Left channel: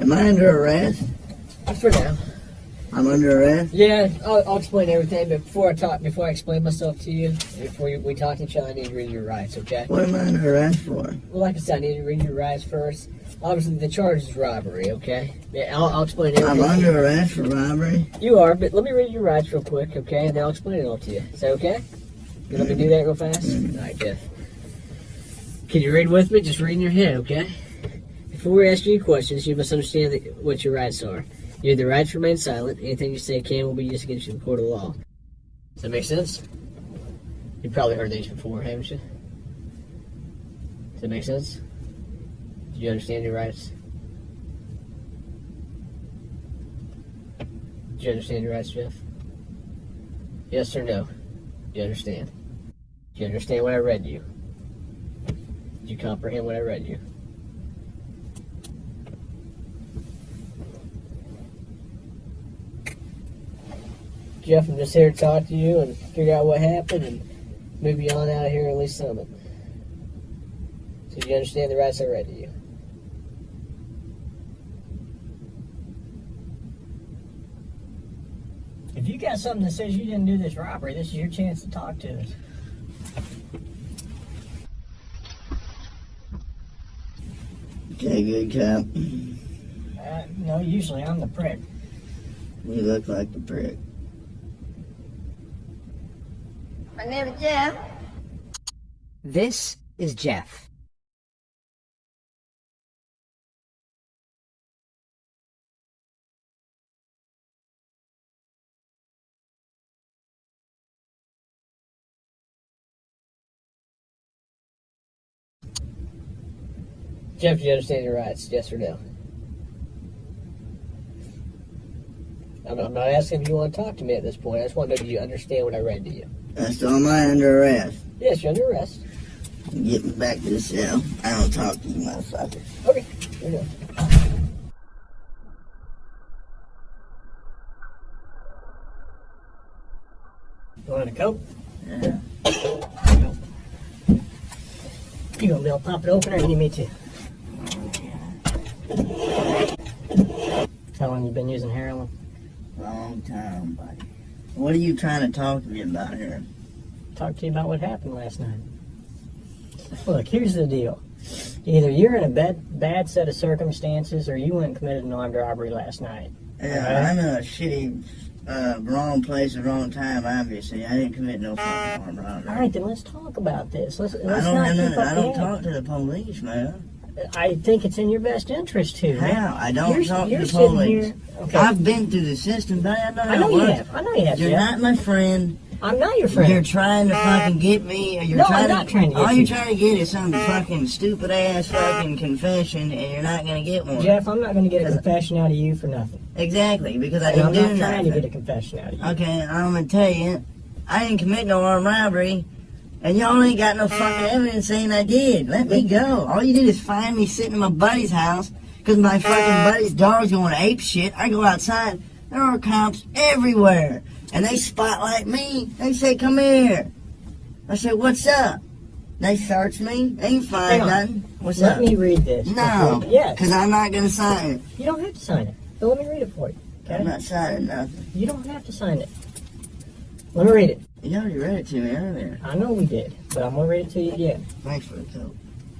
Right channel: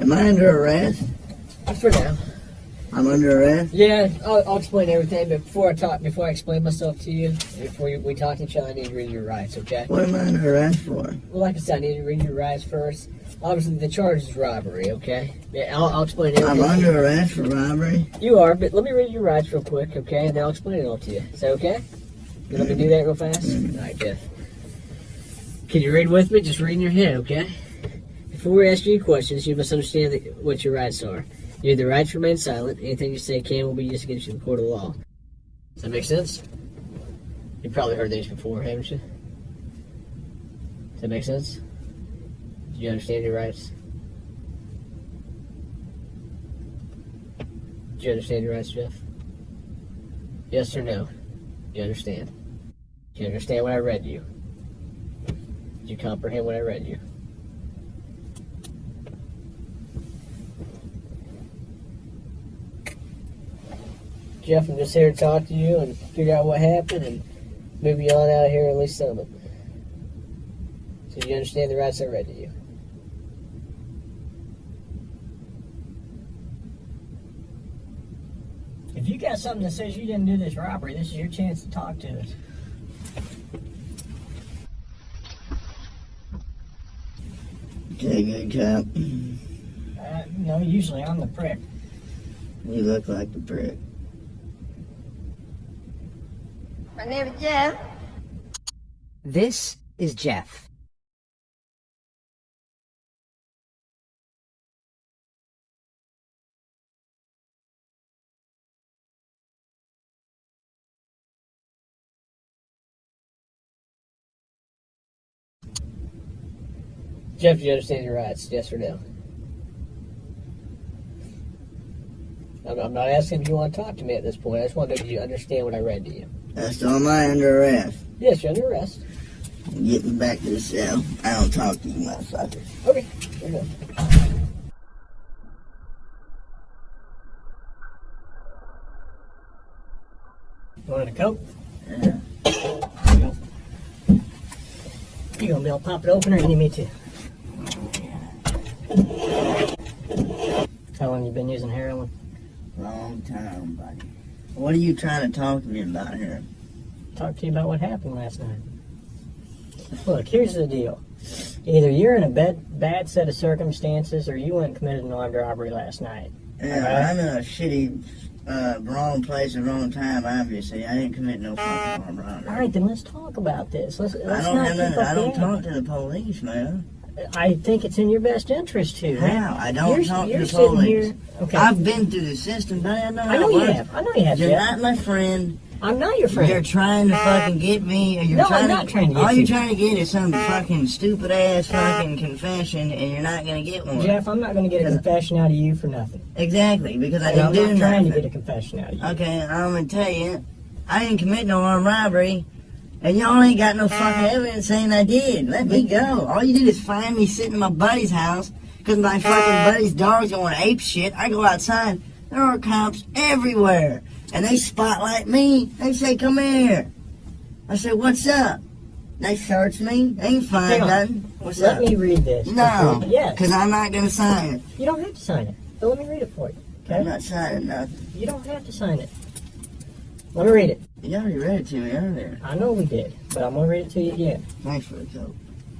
Am I under arrest? For now. I'm under arrest? Yeah, I'll explain everything, but before I explain myself to you, before we talk to each other, I need to read your rights, okay? What am I under arrest for? Well, like I said, I need to read your rights first. Obviously, the charge is robbery, okay? Yeah, I'll explain everything. I'm under arrest for robbery? You are, but let me read your rights real quick, okay? And then I'll explain it all to you. Is that okay? You let me do that real fast? All right, good. Can you read with me? Just read in your head, okay? Before we ask you any questions, you must understand what your rights are. You have the right to remain silent. Anything you say can will be used against you in the court of law. Does that make sense? You've probably heard these before, haven't you? Does that make sense? Do you understand your rights? Do you understand your rights, Jeff? Yes or no? Do you understand? Do you understand what I read to you? Do you comprehend what I read to you? Jeff, I'm just here to talk to you and figure out what happened and move you on out of here and leave some of it. So do you understand the rights I read to you? If you got something that says you didn't do this robbery, this is your chance to talk to us. Okay, good cop. No, usually I'm the prick. You look like the prick. My name is Jeff. This is Jeff. Jeff, do you understand your rights? Yes or no? I'm not asking if you want to talk to me at this point. I just want to know, do you understand what I read to you? So am I under arrest? Yes, you're under arrest. Get me back to the cell. I don't talk to you motherfuckers. Okay, fair enough. You want a Coke? Yeah. You gonna be able to pop it open or you need me to? How long you been using heroin? Long time, buddy. What are you trying to talk to me about here? Talk to you about what happened last night. Look, here's the deal. Either you're in a bad set of circumstances or you went and committed an armed robbery last night. Yeah, Right? I'm in a shitty, wrong place at the wrong time, obviously. I didn't commit no fucking harm robbery. Alright, then let's talk about this. Let's I don't talk to the police, man. I think it's in your best interest to. How? I don't talk to the police. Here, okay. I've been through the system, but I know I know you have. I know you have. You're Jeff. not my friend. I'm not your friend. You're trying to fucking get me. Or you're No, trying I'm not trying to get all you. you're trying to get is some fucking stupid ass fucking confession, and you're not gonna get one. Jeff, I'm not going to get a confession out of you for nothing. Exactly, because I And didn't I'm do not trying nothing. to get a confession out of you. Okay, I'm gonna tell you, I didn't commit no armed robbery, and y'all ain't got no fucking evidence saying I did. Let me go. All you did is find me sitting in my buddy's house because my fucking buddy's dog's going ape shit. I go outside, there are cops everywhere, and they spotlight me. They say, "Come here." I said, "What's up?" They search me. They ain't find Hang on. nothing. What's Let up? me read this. No, Yes. because I'm not gonna sign it. You don't have to sign it. So let me read it for you. Okay? I'm not signing nothing. You don't have to sign it. Let me read it. You already read it to me earlier. I know we did, but I'm going to read it to you again. Thanks for the coke.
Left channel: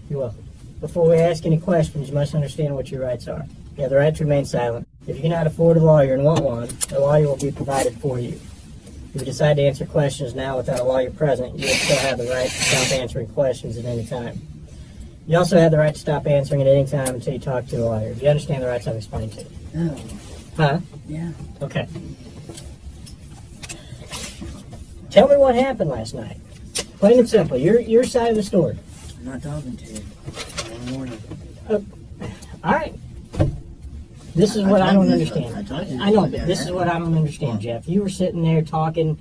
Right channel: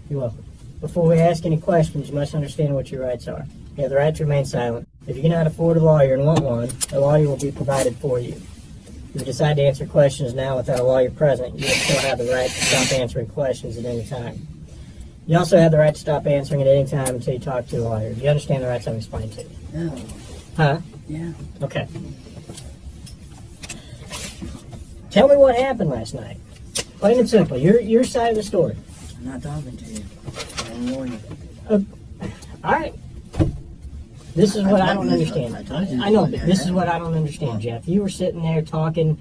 You're welcome. Before we ask any questions, you must understand what your rights are. You have the right to remain silent. If you cannot afford a lawyer and want one, a lawyer will be provided for you. If you decide to answer questions now without a lawyer present, you will still have the right to stop answering questions at any time. You also have the right to stop answering at any time until you talk to a lawyer. Do you understand the rights I've explained to you? Oh, Huh? yeah. Okay. Tell me what happened last night. Plain and simple. Your side of the story. I'm not talking to you. I'm warning you. All right. This is what I don't understand. I know, but this is what I don't understand, Jeff. You were sitting there talking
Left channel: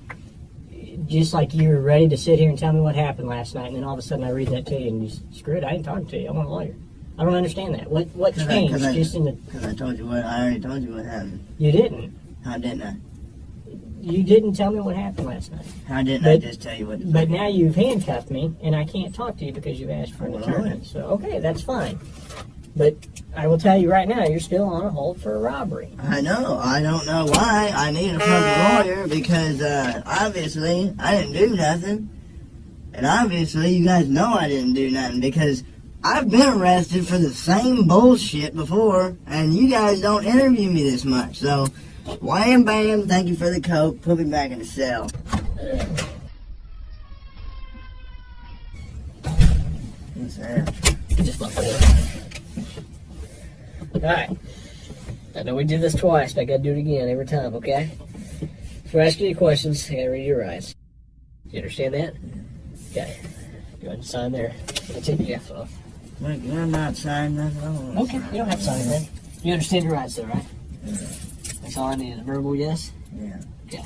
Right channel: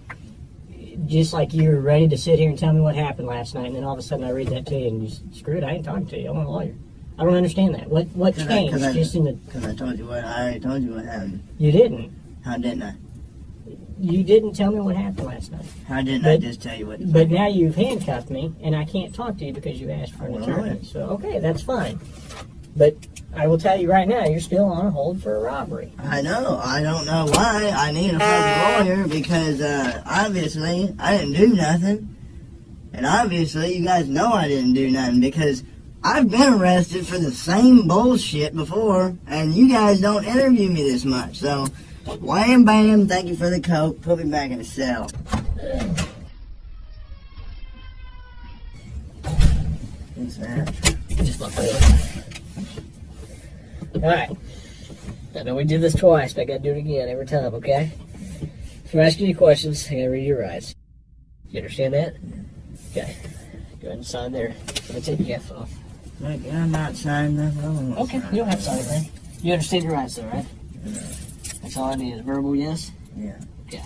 just like you were ready to sit here and tell me what happened last night, and then all of a sudden I read that to you, and you screw it, I ain't talking to you. I want a lawyer. I don't understand that. What changed just in the... Because I already told you what happened. You didn't. How didn't I? You didn't tell me what happened last night. How didn't I just tell you what... But now you've handcuffed me, and I can't talk to you because you asked for an Well, attorney. right. So, okay, that's fine. But I will tell you right now, you're still on hold for a robbery. I know. I don't know why. I need a fucking lawyer because obviously I didn't do nothing. And obviously you guys know I didn't do nothing because I've been arrested for the same bullshit before and you guys don't interview me this much. So, wham bam, thank you for the coke. Put me back in the cell. What's that? Just fuck with it. Alright. I know we did this twice, but I gotta do it again every time, okay? If I'm asking you questions, I gotta read your rights. You understand that? Okay. Go ahead and sign there. I'm gonna take the F off. Look, I'm not signing nothing. Okay, you don't have to sign anything. You understand your rights though, right? Yeah. That's all I need. A verbal yes? Yeah. Okay.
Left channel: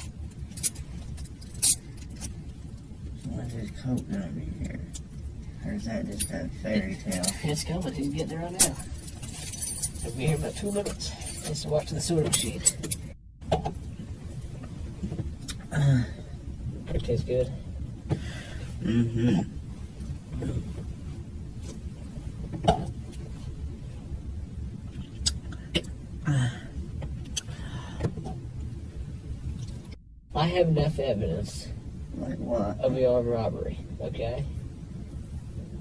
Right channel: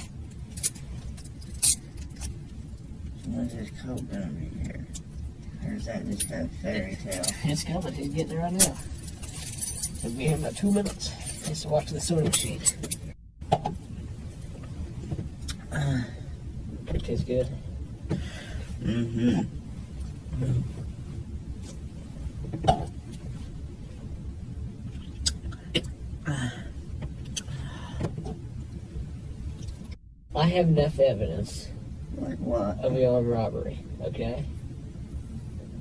What's this coke gonna be here? Or is that just a fairy tale? It's coming. He's getting there right now. He'll be here in about 2 minutes. Just watching the soda machine. It tastes good. Mm-hmm. I have enough evidence Like what? of the armed robbery, okay?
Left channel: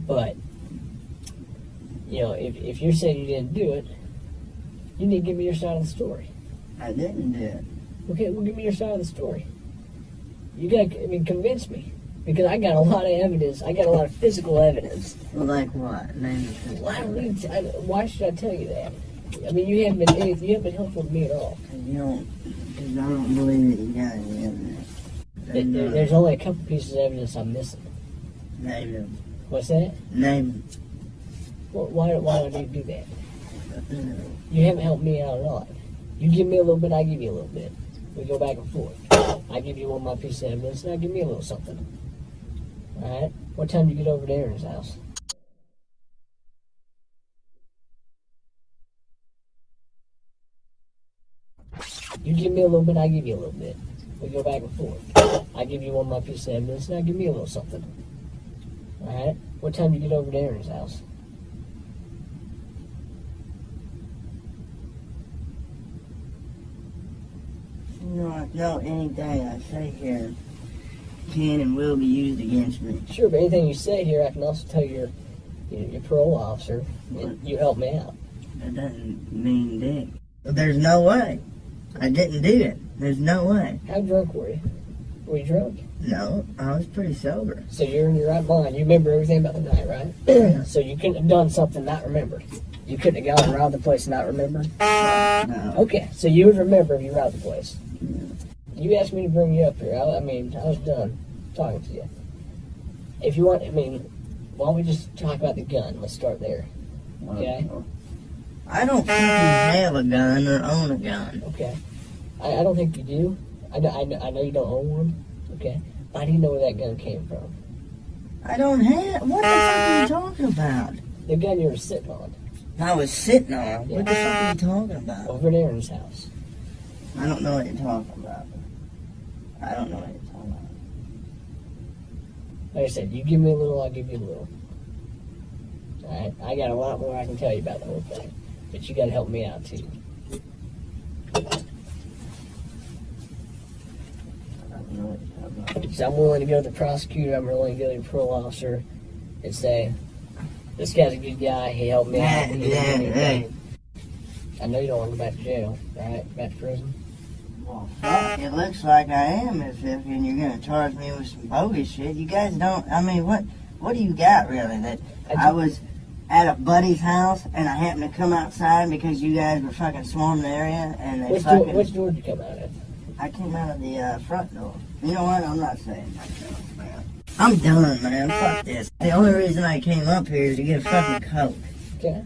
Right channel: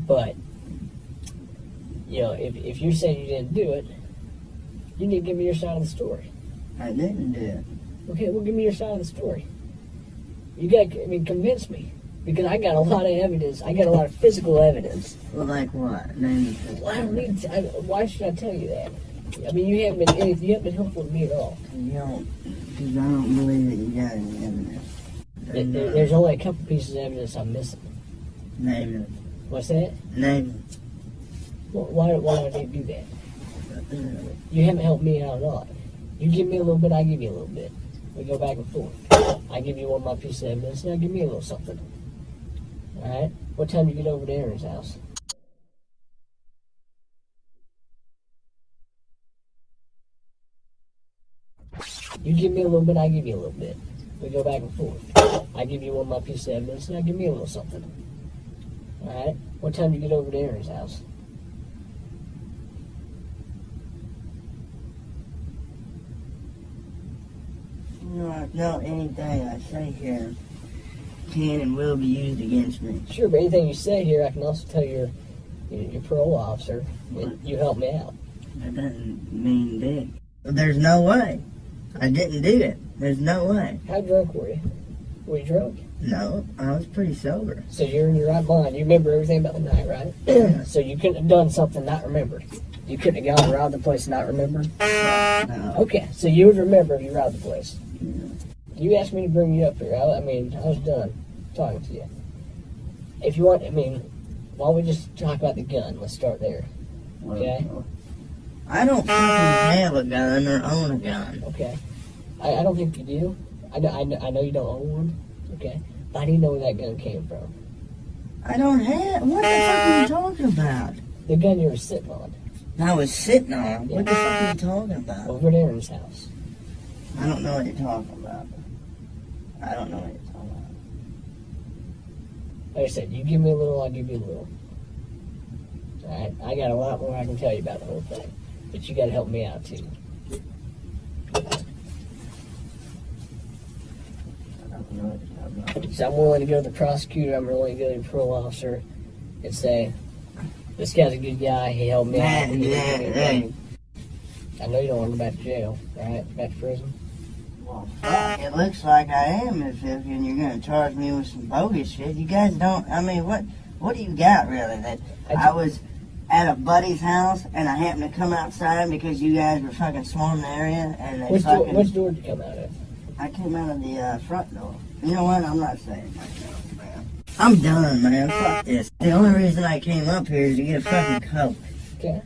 But, you know, if you say you didn't do it, you need to give me your side of the story. I didn't do it. Okay, well, give me your side of the story. You gotta, convince me. Because I got a lot of evidence. I got a lot of physical evidence. Well, like what? Name Well, I don't need to, why should I tell you that? I mean, you haven't been helpful to me at all. You don't, because I don't believe that you got any evidence. There's only a couple pieces of evidence I'm missing. Name them. What's that? Name Well, why do I need to do that? them. You haven't helped me out at all. You give me a little bit, I give you a little bit. We go back and forth. I give you one of my pieces of evidence, now give me a little something. Alright? What time do you get over to Aaron's house? You give me a little bit, I give you a little bit. We go back and forth. I give you one of my pieces of evidence, now give me a little something. Alright? What time do you get over to Aaron's house? No, anything I say here can and will be used against me. Sure, but anything you say here, I can also tell your parole officer that you helped me out. That doesn't mean dick. There's no way. I didn't do it. There's no way. How drunk were you? Were you drunk? No, I was pretty sober. So you're in your right mind. You remember everything about the night, right? So you couldn't have done something not remembered. You couldn't have gone around the place and not remembered? No. Okay, so you would remember if you robbed the place. You asked me to bring you up here. I was done talking to you. If you want, why don't we just talk about the gun? Let's start there. Okay? I don't fucking have a gun or own a gun. Okay. I don't think you do. I know you don't own one. Okay. But I didn't know where that gun came from. I don't have. What the fuck are you talking about? The gun you were sitting on. I was sitting on. What the fuck are you talking about? Over at Aaron's house. I don't know what you're talking about. I don't know what you're talking about. Like I said, you give me a little, I'll give you a little. Alright? I got a lot more I can tell you about the whole thing. But you gotta help me out too. So I'm willing to go to the prosecutor, I'm willing to go to the parole officer and say, this guy's a good guy, he helped me out. He didn't do anything. I know you don't want to go back to jail, right? Back to prison. Well, fuck, it looks like I am if and you're gonna charge me with some bogus shit. You guys don't, what do you got really? That I was at a buddy's house and I happened to come outside because you guys were fucking swarming the area and they Which door did you come out of? I came out of the front door. You know what? I'm not saying myself, man. I'm done, man. Fuck this. The only reason I came up here is to get a fucking coke. Okay.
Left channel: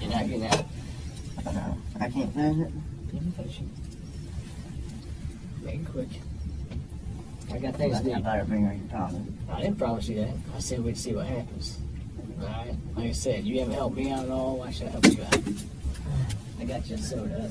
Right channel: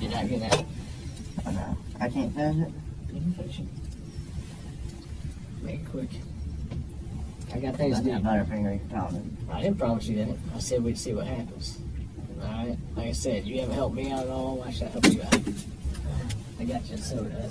You're not getting out. I can't finish it. You can finish it. Make it quick. I got things to do. Butterfinger, you promise. I didn't promise you that. I said we'd see what happens. Alright? Like I said, you haven't helped me out at all. Why should I help you out? I got you a soda.